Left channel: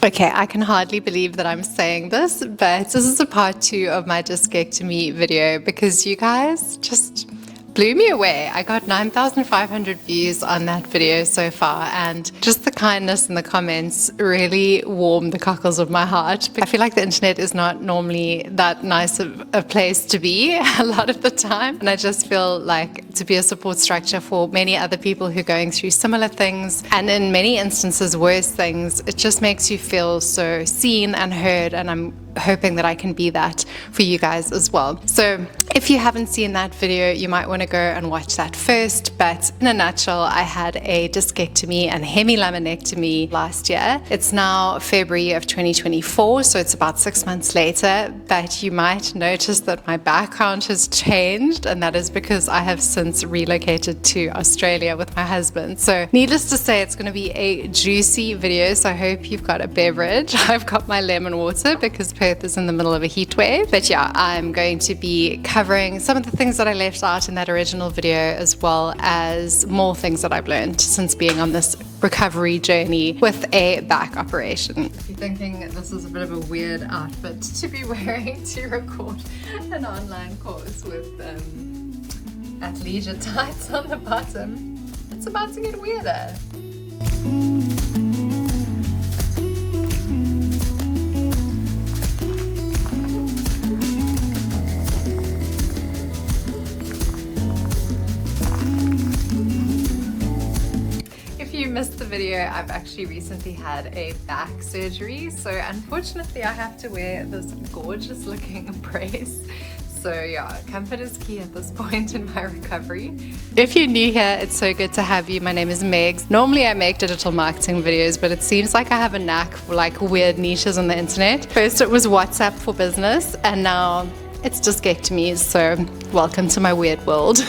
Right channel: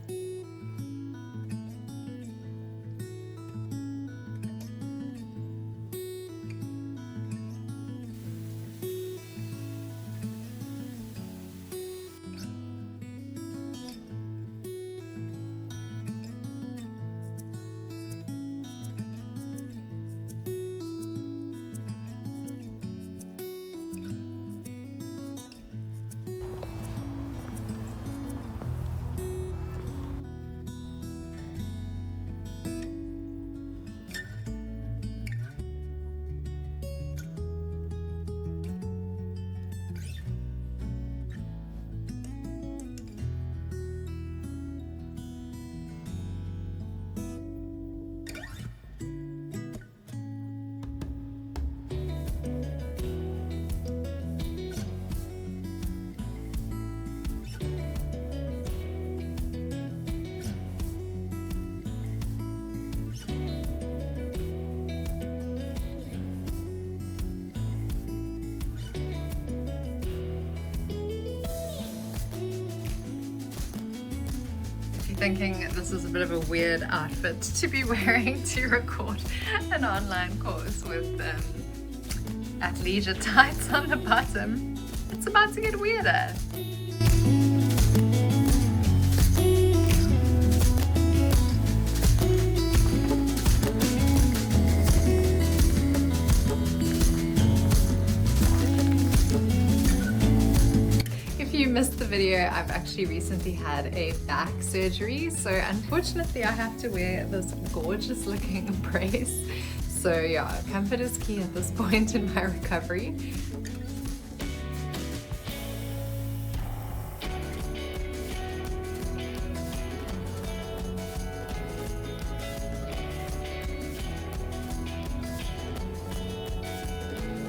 Okay, I can hardly believe that I'm saying this, but this is a part 2 of my discectomy video because you guys just blew me away. I got 9,500 views on that video so far, and just the kindness in the comments really warmed the cockles of my heart. I feel like the internet is not normally that nice of a place to be a lot of the time, and I just feel like to be a support structure for many other people who are going through similar things, and in many instances worse things. It just makes you feel so seen and heard, and I'm hoping that I can be that for you guys as well. So if you haven't seen that video, you might want to go and watch that first. But in a nutshell, I had a discectomy and hemilaminectomy last year. It's now February of 2024, so it's about 6 months later, but you might notice that my background has changed, and that is because I have since relocated to Australia with my husband. So needless to say, it's going to be a juicy video, so I hope you've got a beverage. I've got my lemon water because Perth is in the middle of a heat wave. But yeah, I'm going to be covering some of the things that I left out in that original video, as well as more things that I've learned since being on this recovery journey with a back operation. If you're thinking this is a bit of a weird outfit to be wearing to record an online course with athleisure tights on the bottom, it's about to get weirder. If you missed the video, I've actually recently had a back surgery, so unfortunately I have to wear this gorgeous looking brace. So yeah, comfort is key at this point in my recovery. If you're new here, it's so good to have you. My name is Megs. Normally I make digital marketing videos, but it seems like I have a knack for like weird niches on the internet. First it was WhatsApp for business, and now it's discectomies, so welcome to my weird world.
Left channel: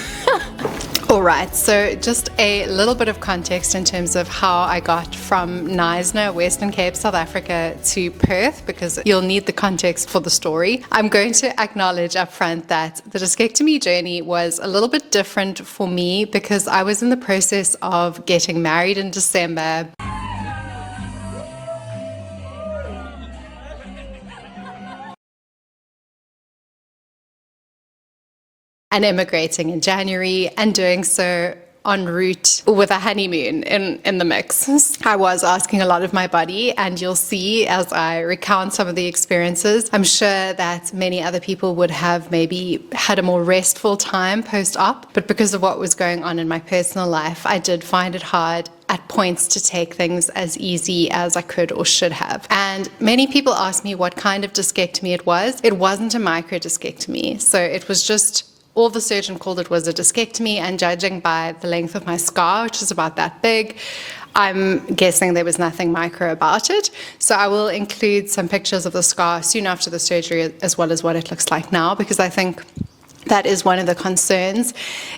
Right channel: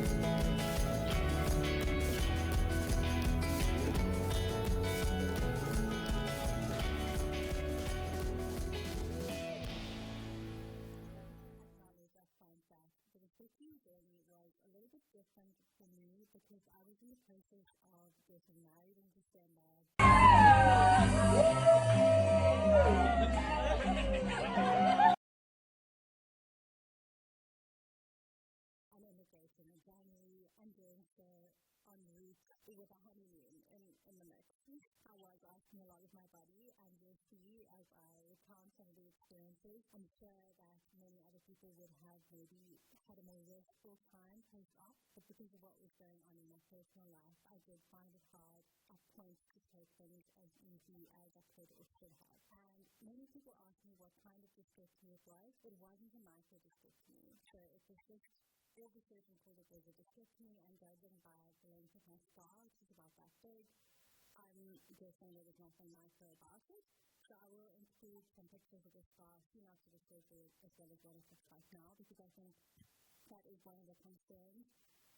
Alright, so just a little bit of context in terms of how I got from Knysna, Western Cape, South Africa to Perth, because you'll need the context for the story. I'm going to acknowledge up front that the discectomy journey was a little bit different for me because I was in the process of getting married in December. And immigrating in January, and doing so en route with a honeymoon in the mix. I was asking a lot of my body, and you'll see as I recount some of the experiences, I'm sure that many other people would have maybe had a more restful time post-op, but because of what was going on in my personal life, I did find it hard at points to take things as easy as I could or should have. And many people asked me what kind of discectomy it was. It wasn't a microdiscectomy, so it was just, all the surgeon called it was a discectomy, and judging by the length of my scar, which is about that big, I'm guessing there was nothing micro about it. So I will include some pictures of the scar soon after the surgery, as well as what it looks like now, because I think that is one of the concerns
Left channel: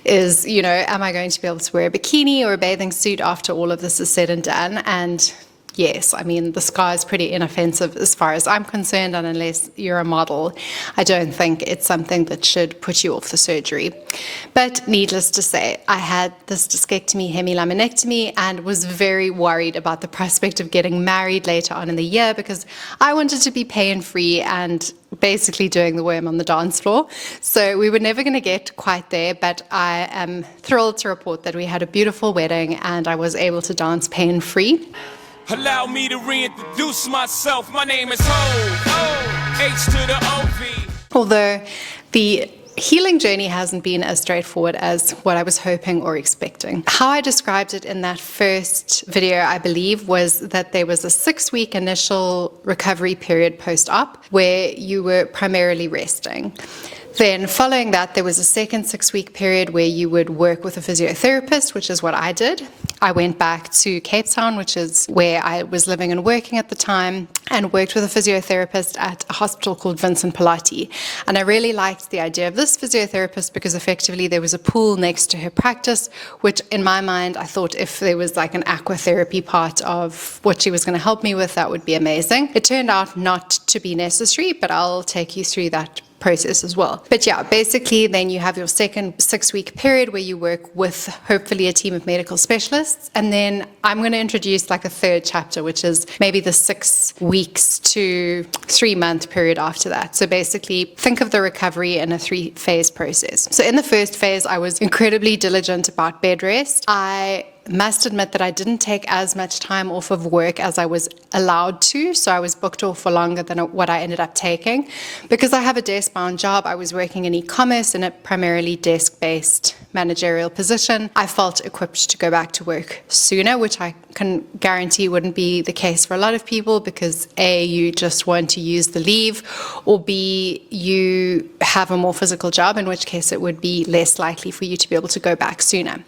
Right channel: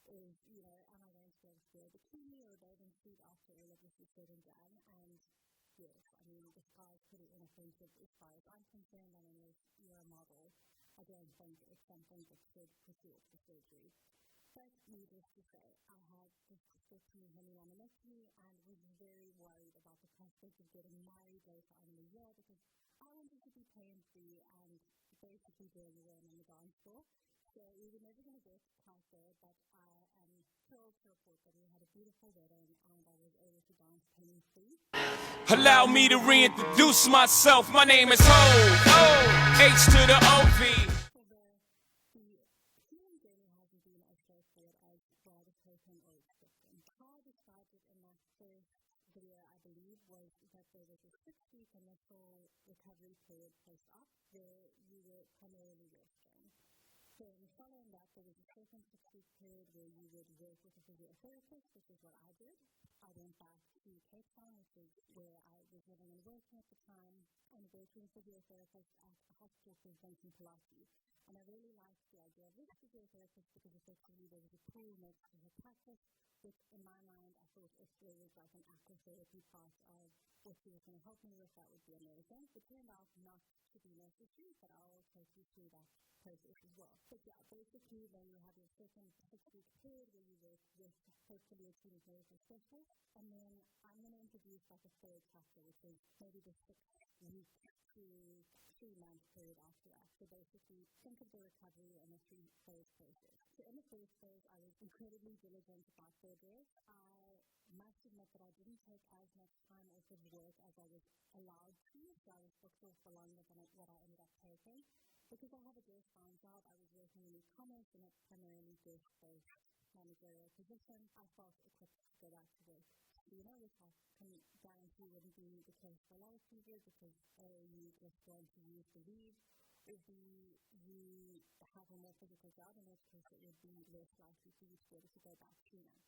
is, you know, am I going to be able to wear a bikini or a bathing suit after all of this is said and done? And yes, I mean, the scar is pretty inoffensive as far as I'm concerned, and unless you're a model, I don't think it's something that should put you off the surgery. But needless to say, I had this discectomy, hemilaminectomy, and was very worried about the prospect of getting married later on in the year because I wanted to be pain-free and basically doing the worm on the dance floor. So we were never going to get quite there, but I am thrilled to report that we had a beautiful wedding and I was able to dance pain-free. Allow me to reintroduce myself. My name is Ho, H to the OV. Although the healing journey hasn't been as straightforward as what I was hoping or expecting. How I described it in that first video, I believe, was that there was a 6-week initial recovery period post-op where you were primarily resting. Then following that, there was a second 6-week period where you would work with a physiotherapist, which is what I did. I went back to Cape Town, which is where I was living and working at the time, and worked with a physiotherapist at a hospital called Vinci. And I really liked the idea of this physiotherapist because effectively there was a pool next to her practice, which in my mind, I thought if there was like an aquatherapy part of what she was going to help me with, that would be amazing. It turned out not to be necessary, but I'll take you through that process as well. But yeah, basically then you have your second 6-week period where you work with hopefully a team of medical specialists. And then I'm going to introduce like a third chapter, which is maybe the 6 weeks to 3-month period after that. So basically think of the recovery in a 3-phase process. So in the first phase, I was incredibly diligent about bed rest. I must admit that I didn't take as much time off of work as I was allowed to, so I was booked off for longer than what I ended up taking. Because I have a desk-bound job, I was working in e-commerce in a primarily desk-based managerial position. I felt equipped to go back to work sooner, which I can guarantee wouldn't be the case for a lot of people because A, you just want to use the leave, or B, you have a more physical job, in which case it would be less likely for you to be able to go back sooner.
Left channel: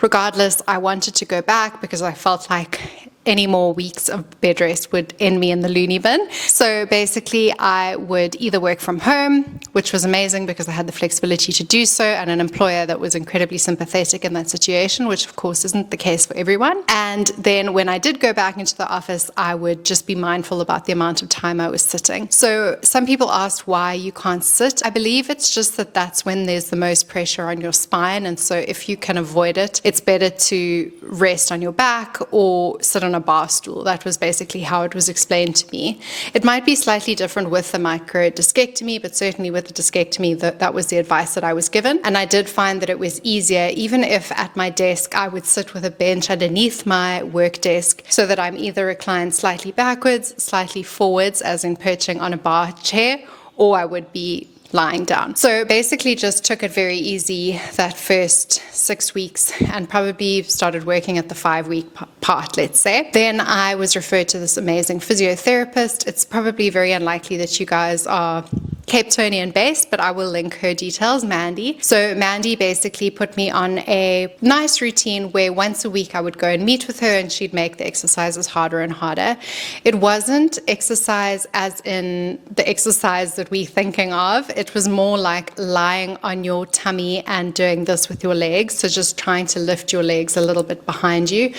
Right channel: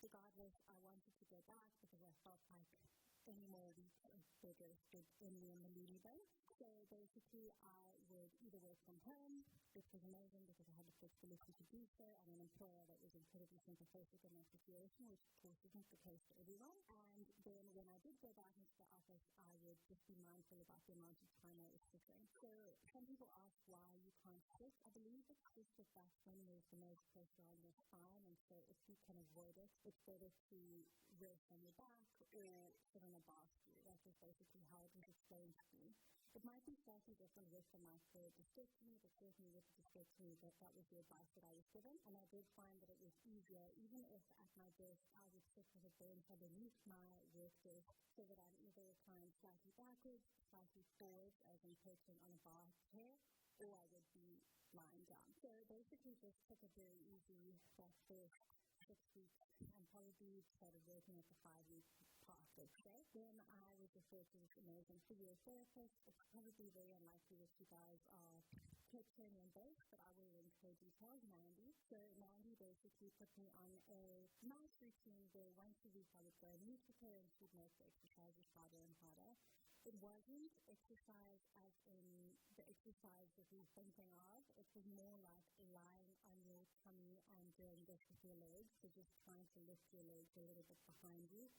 Regardless, I wanted to go back because I felt like any more weeks of bed rest would end me in the loony bin. So basically I would either work from home, which was amazing because I had the flexibility to do so, and an employer that was incredibly sympathetic in that situation, which of course isn't the case for everyone. And then when I did go back into the office, I would just be mindful about the amount of time I was sitting. So some people asked why you can't sit. I believe it's just that that's when there's the most pressure on your spine, and so if you can avoid it, it's better to rest on your back or sit on a bar stool. That was basically how it was explained to me. It might be slightly different with the micro discectomy, but certainly with the discectomy, that was the advice that I was given. And I did find that it was easier, even if at my desk I would sit with a bench underneath my work desk so that I'm either reclined slightly backwards, slightly forwards, as in perching on a bar chair, or I would be lying down. So basically just took it very easy that first 6 weeks and probably started working at the 5-week part, let's say. Then I was referred to this amazing physiotherapist. It's probably very unlikely that you guys are Cape Townian based, but I will link her details, Mandy. So Mandy basically put me on a nice routine where once a week I would go and meet with her and she'd make the exercises harder and harder. It wasn't exercise as in the exercise that we're thinking of. It was more like lying on your tummy and doing this with your legs. So just trying to lift your legs a little bit behind you.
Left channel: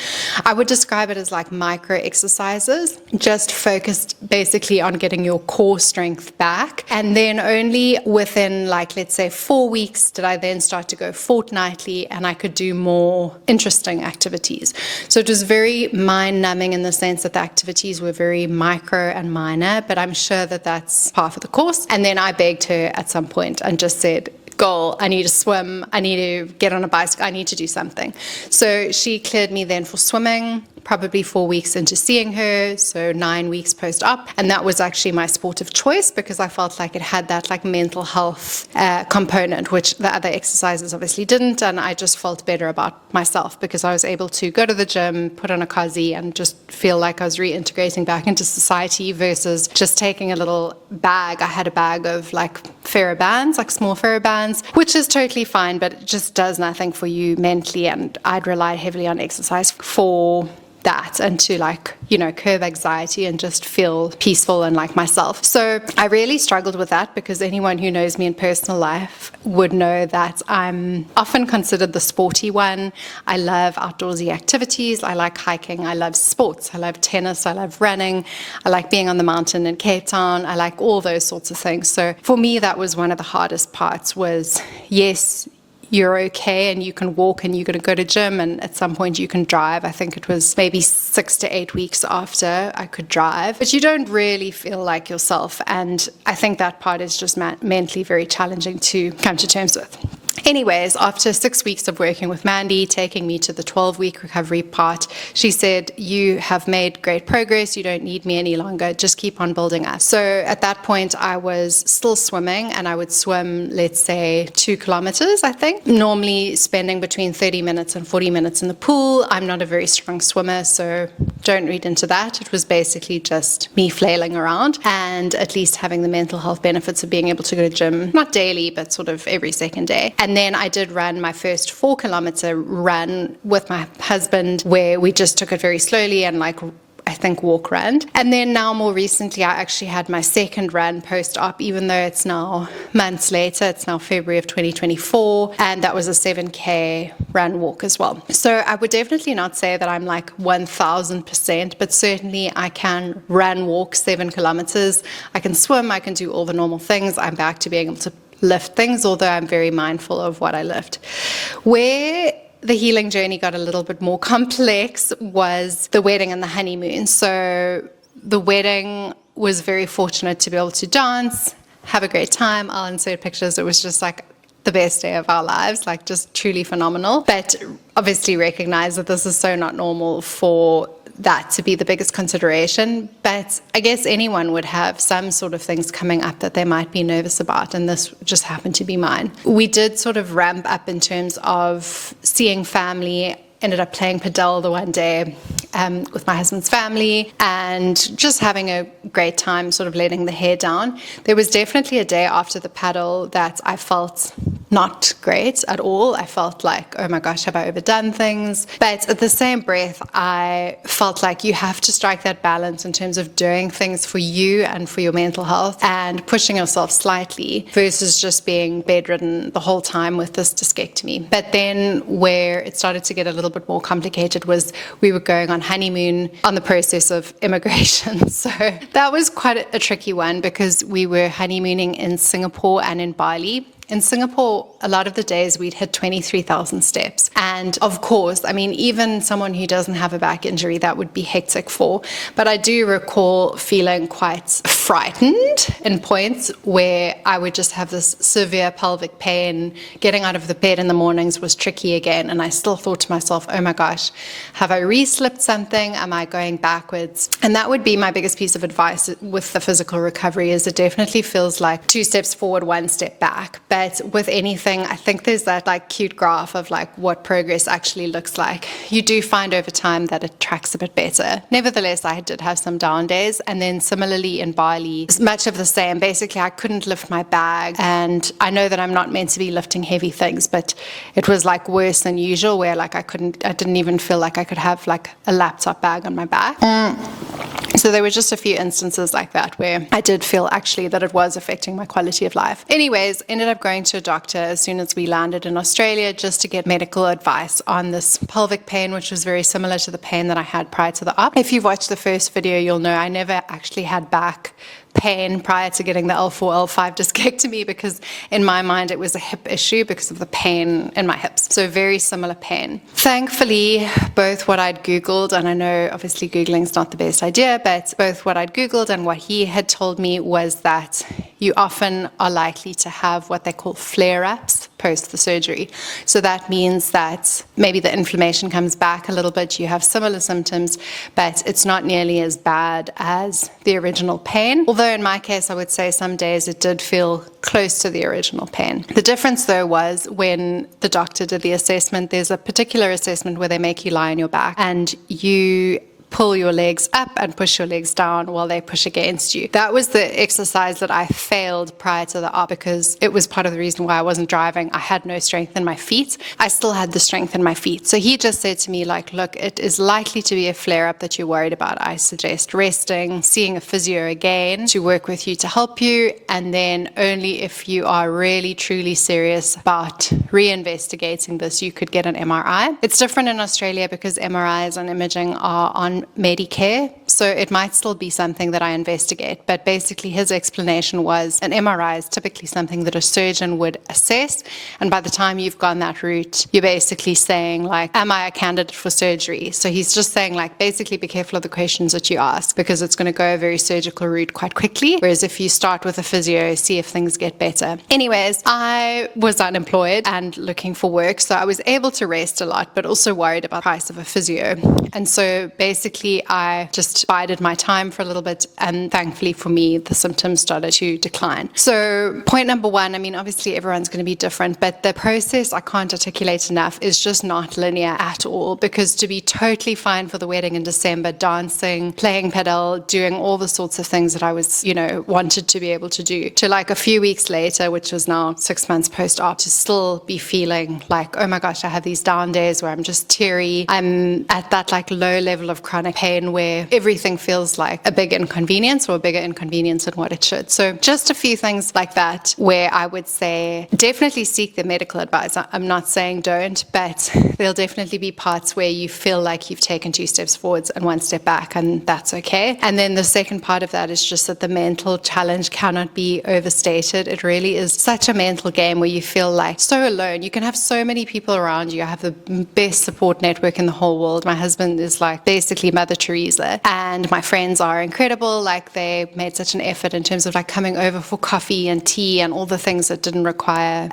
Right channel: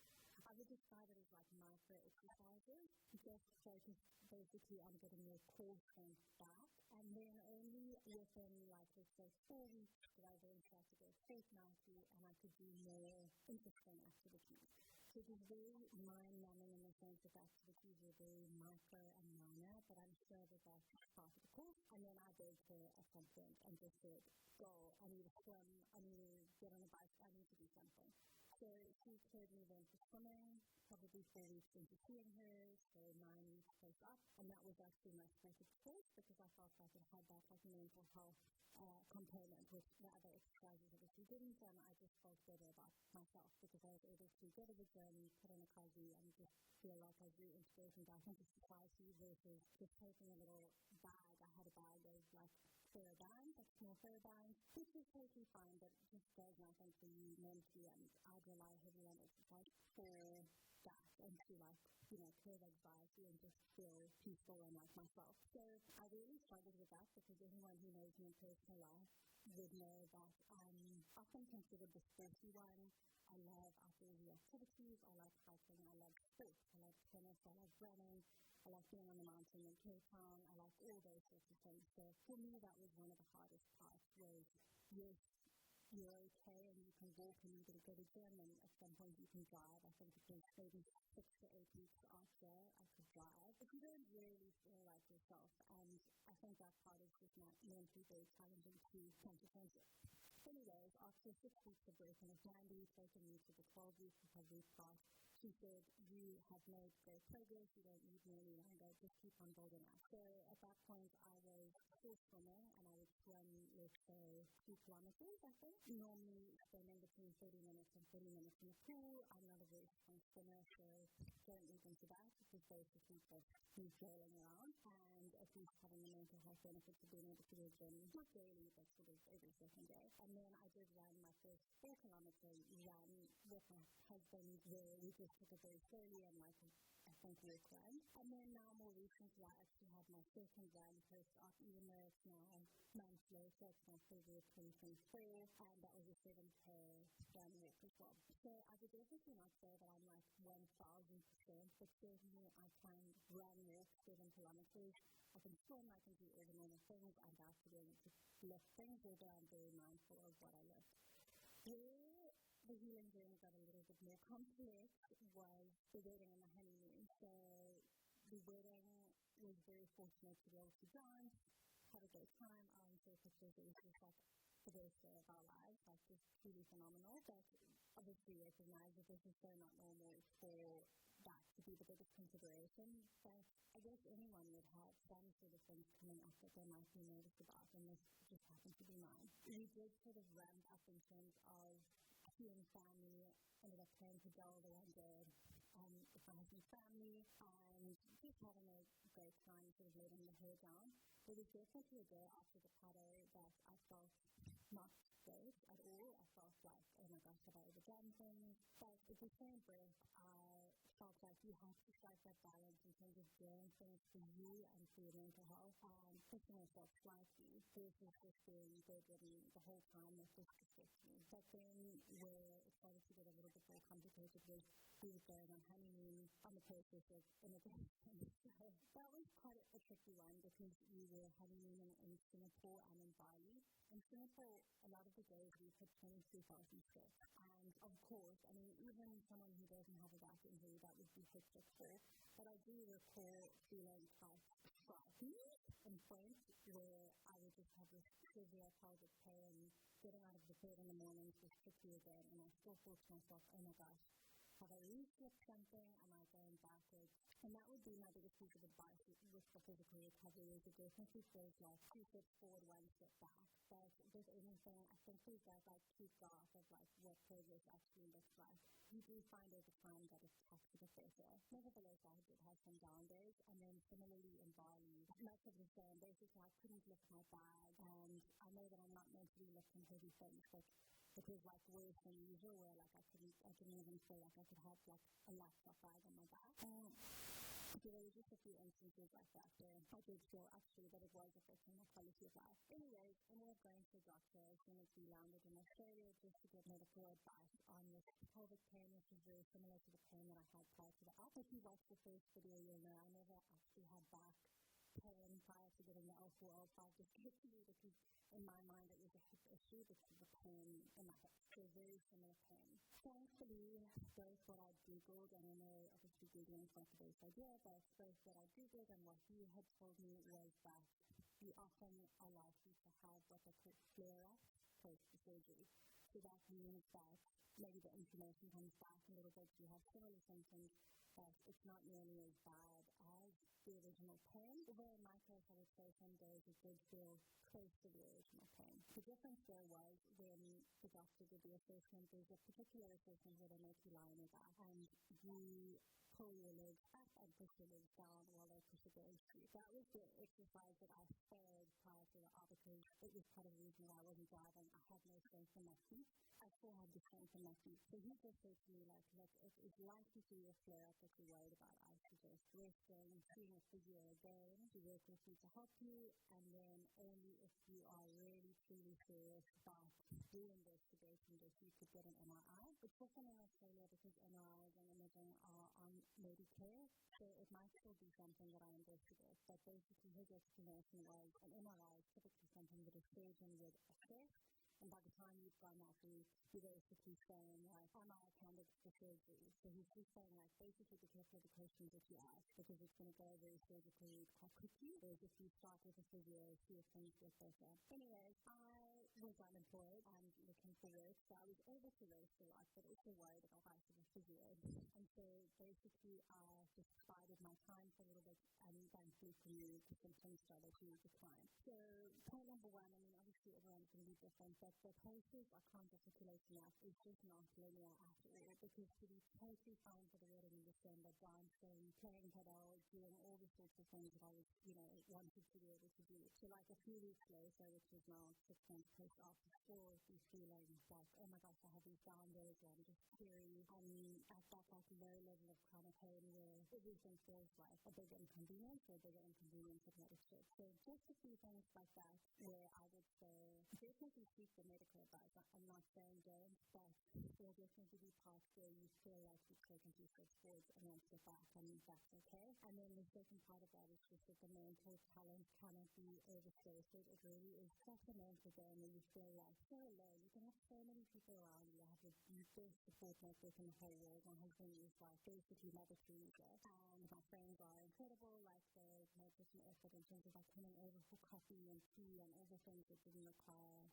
I would describe it as like micro exercises, just focused basically on getting your core strength back. And then only within, like, let's say 4 weeks did I then start to go fortnightly and I could do more interesting activities. So it was very mind-numbing in the sense that the activities were very micro and minor, but I'm sure that that's part of the course. And then I begged her at some point and just said, goal, I need to swim, I need to get on a bicycle, I need to do something. So she cleared me then for swimming, probably 4 weeks into seeing her, so 9 weeks post-op. And that was actually my sport of choice because I felt like it had that like mental health component, which the other exercises obviously didn't. And I just felt better about myself because I was able to go to the gym, put on a cozy and just feel like I was reintegrating back into society versus just taking a little bag. I had a bag of like TheraBands, like small TheraBands, which is totally fine, but it just does nothing for you mentally. And I'd relied heavily on exercise for that and to like, you know, curb anxiety and just feel peaceful and like myself. So I really struggled with that because anyone who knows me in personal life would know that I'm often considered the sporty one. I love outdoorsy activities. I like hiking. I love sports. I love tennis. I love running. I like being on the mountain in Cape Town. I like all those sorts of things. So for me, that was one of the hardest parts was, yes, you're okay and you can walk and you're going to go to gym and at some point you can drive. I think it was maybe 6 to 8 weeks after I could drive, but you don't really feel like yourself. And I think that part is just mentally very challenging to come to terms with. Anyways, after 6 weeks of working with Mandy, taking me to the 12-week recovery part, she said, you have made great progress. You don't need me any longer. Just keep on building us. So at that point, I was still swimming and I would swim, let's say 2 kilometers, I think, normally spending between 30 minutes and 40 minutes in the pool. I'm not a very strong swimmer, so don't read into that. It was basically just me flailing around and at least having the mental health benefits of being able to go to the gym, not daily, but sort of every second day. And then I did run my first 4-kilometer run with my husband where we just took it very slowly and like I I think, walk run. And then now more recently, I actually had my second run post-op, even though it's now months later. It's now February of 2024, and that was a 7K run walk as well. So I would definitely not say that I'm like 1000%, but certainly I can run, walk 7 kilometers. I can swim, I can do all the normal things. I'm back to being able to lift things, although I'm very mindful of what I lift. Where the healing journey got a little bit more complex was the wedding and the honeymoon. So the wedding was very fortunate to be able to dance, have a great time. I'll insert pictures. It was just like the best day of our lives, like just truly phenomenal. But obviously recognize that this is so not normal for that to be the biggest consideration. But I guess anyone would have some sort of things coming up that they might be nervous about, and this just happened to be mine. We did sort of ramp up in terms of seeing family. Ended up playing padel the one day with my husband's family and just having a great time, sort of letting the hair down. There was definitely a day after the paddle that I felt not great at all. I felt like, oh my gosh, have I overdone things? But at the same breath, I felt like you have to strike that balance in terms of doing things for you and for your mental health and pushing yourself slightly versus just being bedridden the whole time with this discectomy. But then where it started to get a little bit more complicated was we were going on honeymoon on the process of immigration. So that was quite a tricky one because we were honeymooning in Singapore and in Bali. In Singapore, a lot of the days we'd hit 23,000 steps. And of course, I mean, even someone who doesn't have a back injury, that would be hectic for. But I do recall feeling quite frightened in points where I would just have this severe pelvic pain. Getting out of the bed in the mornings was tricky again. And I still thought to myself, oh my gosh, have I re-slipped something? Am I going backwards? And that would be my biggest piece of advice with the physical recovery is it definitely feels like 2 steps forward, 1 step back. But with anything, I think there's that like cute graph of like what progress actually looks like. You do find over time that it tracks a bit better. Nevertheless, I did have some down days. And then similarly in Bali, much of the same. Basically, I couldn't lift my bag. And I know that I'm not meant to be lifting heavy things, but it was like worse than usual where like I didn't even feel like I could have like a laptop bag on my back. So there were just a few instances like that where I did feel actually that it was affecting my quality of life. Anyways, ended up going to a doctor as soon as we landed in Australia just to get medical advice on this pelvic pain, which was very similar to the pain that I had prior to the op. If you've watched the first video, you'll know I never actually had back pain prior to getting the L4, L5 discectomy because in my mind it was a hip issue because of the pain in my hips. So very similar pain. Thankfully, both what I'd Googled, and I know obviously Googling's not the best idea, but both what I'd Googled and what he had told me was that you often are likely to have what they call flare-ups post the surgery. So that means that maybe the inflammation comes back a little bit, you have similar symptoms, but it's not nearly as bad as the original pain. Although in my case, I would say some days it did feel close to the original pain. The difference though was when the doctor did the assessment, there's a particular assessment where they make you lie on your back and you pull your legs up and push your legs down while they push against you. That was the exercise that I failed prior to the op because it was part of the reason why I wasn't driving. I had no strength in my feet. I still had the strength in my feet. So he just said to me like, look, it is likely to be a flare-up that you're worried about. I suggest resting, seeing a physio again to work with you to help you, and then only if you are really truly serious about re-investigating this, you could get an MRI. It's different in Australia because MRIs and imaging are on Medicare, so it might still be something that I investigate. But basically his explanation was an MRI is typically something that a surgeon would assess, and by the time you've gone that route, you're basically saying like, am I a candidate for surgery? So he's just saying like, basically be careful of the questions that you ask because it's going to go a very surgical route quite quickly, whereas if you start with a physio, see if things get better. Anyways, I was unemployed and looking for work, so I was able to rest a lot, but also worried about the price of a physio. And so basically I just bided my time for a little bit, and thankfully for me, the symptoms started to decline. So point number one, I mean, obviously everyone's going to be different, but the process, I can't articulate enough, is just not linear at all, because to be totally fine for the wedding in December, dancing, playing padel, doing all the sorts of things that I was, wanted to be able to do, to like a few weeks later, which was now 6 months post-op, to still be feeling like, oh my gosh, I have these down days where I'm just teary. I'm at that like low level of chronic chronic pain where everything feels like a big inconvenience or a bigger inconvenience than what it should. So just a few things like that where I would say definitely seek the medical advice. I'm not saying don't, but there'll definitely be parts where you feel like you've taken 2 steps forwards and 1 step back, and that's okay. And then the second part of that is just that the mental challenge cannot be overstated. It really is such a mental game where you feel like so alone. You can have so many people around you. I have the best support network in the whole world. My husband is like basically Mother Teresa, and my friends are incredible. Like, they made such an effort in terms of like coming over for coffee and tea and all the things that didn't require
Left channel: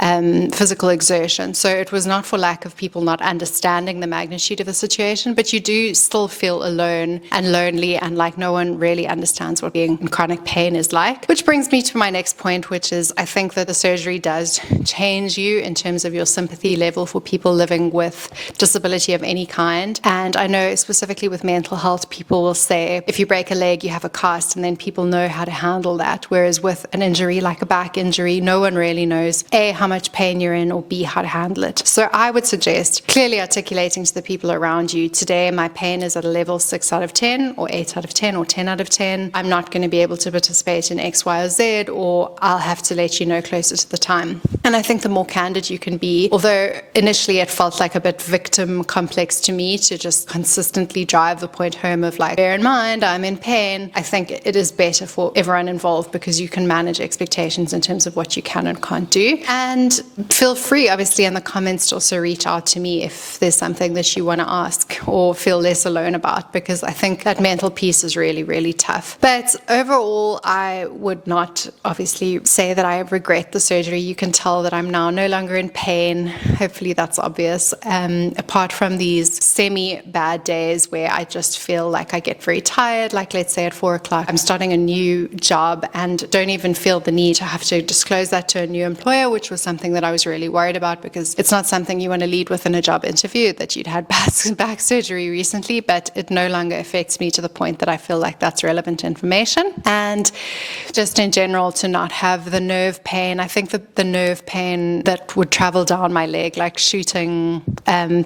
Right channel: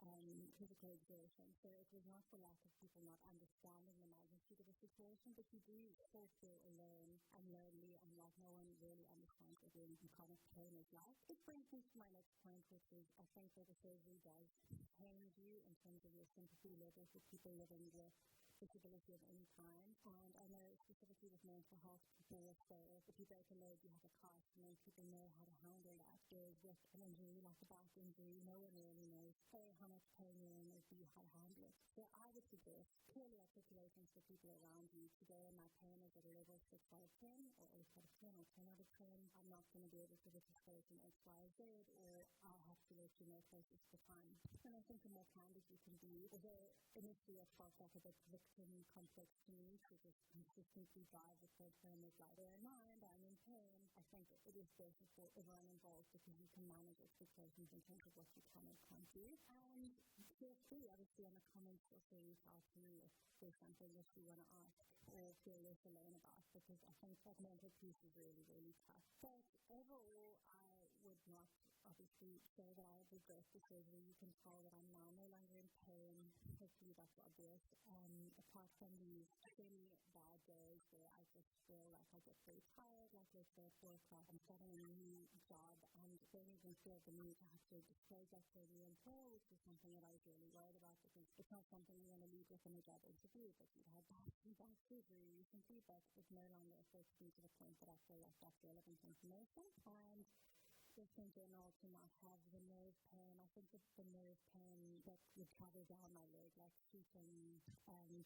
physical exertion. So it was not for lack of people not understanding the magnitude of the situation, but you do still feel alone and lonely, and like no one really understands what being in chronic pain is like. Which brings me to my next point, which is I think that the surgery does change you in terms of your sympathy level for people living with disability of any kind. And I know specifically with mental health, people will say if you break a leg, you have a cast, and then people know how to handle that. Whereas with an injury like a back injury, no one really knows A, how much pain you're in, or B, how to handle it. So I would suggest clearly articulating to the people around you, today my pain is at a level 6 out of 10 or 8 out of 10 or 10 out of 10. I'm not going to be able to participate in X, Y, or Z, or I'll have to let you know closer to the time. And I think the more candid you can be, although initially it felt like a bit victim complex to me to just consistently drive the point home of like, bear in mind, I'm in pain. I think it is better for everyone involved because you can manage expectations in terms of what you can and can't do. And feel free, obviously, in the comments to also reach out to me if there's something that you want to ask or feel less alone about, because I think that mental piece is really, really tough. But overall, I would not obviously say that I regret the surgery. You can tell that I'm now no longer in pain. Hopefully that's obvious. Apart from these semi-bad days where I just feel like I get very tired, like let's say at 4 o'clock, I'm starting a new job and don't even feel the need to have to disclose that to a new employer, which was something that I was really worried about because it's not something you want to lead with in a job interview, that you'd had back surgery recently, but it no longer affects me to the point that I feel like that's relevant information. And just in general, to not have the nerve pain. I think that the nerve pain that would travel down my leg, like shooting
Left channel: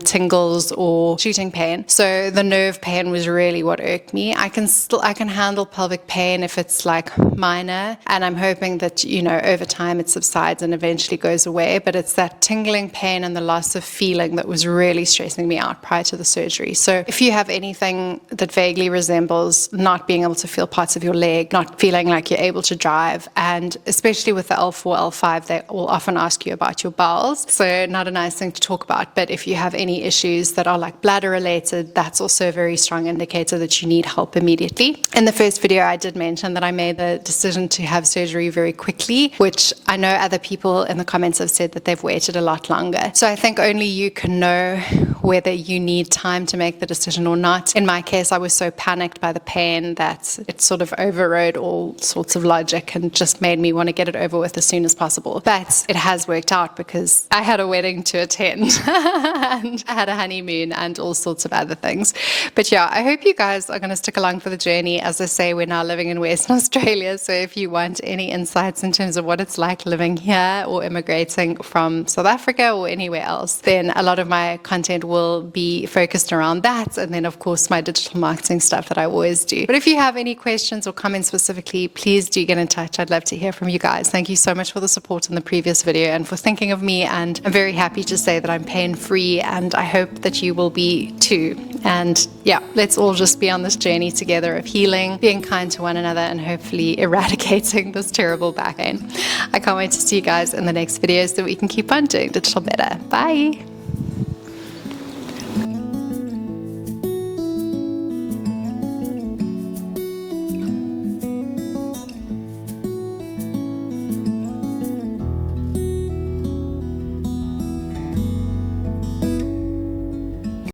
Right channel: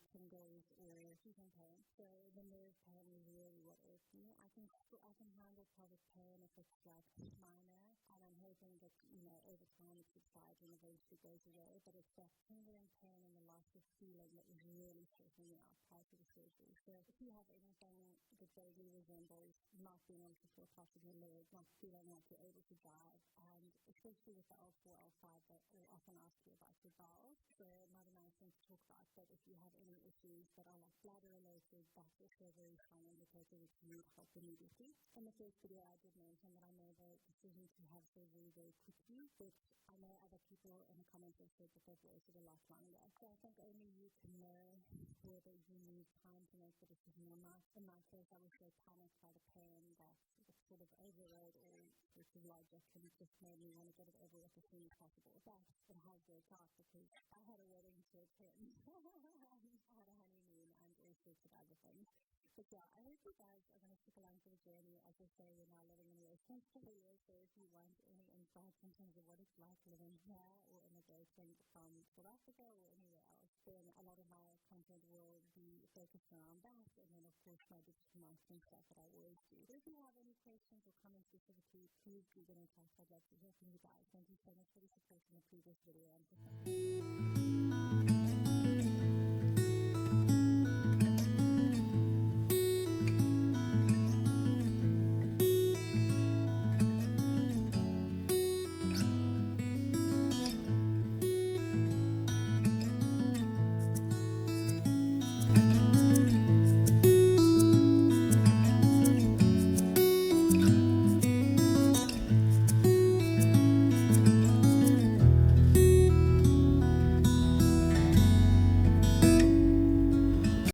tingles or shooting pain. So the nerve pain was really what irked me. I can handle pelvic pain if it's like minor, and I'm hoping that, you know, over time it subsides and eventually goes away, but it's that tingling pain and the loss of feeling that was really stressing me out prior to the surgery. So if you have anything that vaguely resembles not being able to feel parts of your leg, not feeling like you're able to drive, and especially with the L4, L5, they will often ask you about your bowels. So not a nice thing to talk about, but if you have any issues that are like bladder related, that's also a very strong indicator that you need help immediately. In the first video, I did mention that I made the decision to have surgery very quickly, which I know other people in the comments have said that they've waited a lot longer. So I think only you can know whether you need time to make the decision or not. In my case, I was so panicked by the pain that it sort of overrode all sorts of logic and just made me want to get it over with as soon as possible. But it has worked out because I had a wedding to attend and I had a honeymoon and all sorts of other things. But yeah, I hope you guys are going to stick along for the journey. As I say, we're now living in Western Australia, so if you want any insights in terms of what it's like living here or immigrating from South Africa or anywhere else, then a lot of my content will be focused around that, and then of course my digital marketing stuff that I always do. But if you have any questions or comments specifically, please do get in touch. I'd love to hear from you guys. Thank you so much for the support in the previous video and for thinking of me, and I'm very happy to say that I'm pain-free, and I hope that you will be too. And yeah, let's all just be on this journey together of healing, being kind to one another, and hopefully eradicating this terrible back pain. I can't wait to see you guys in the next video so that we can keep on doing digital better. Bye!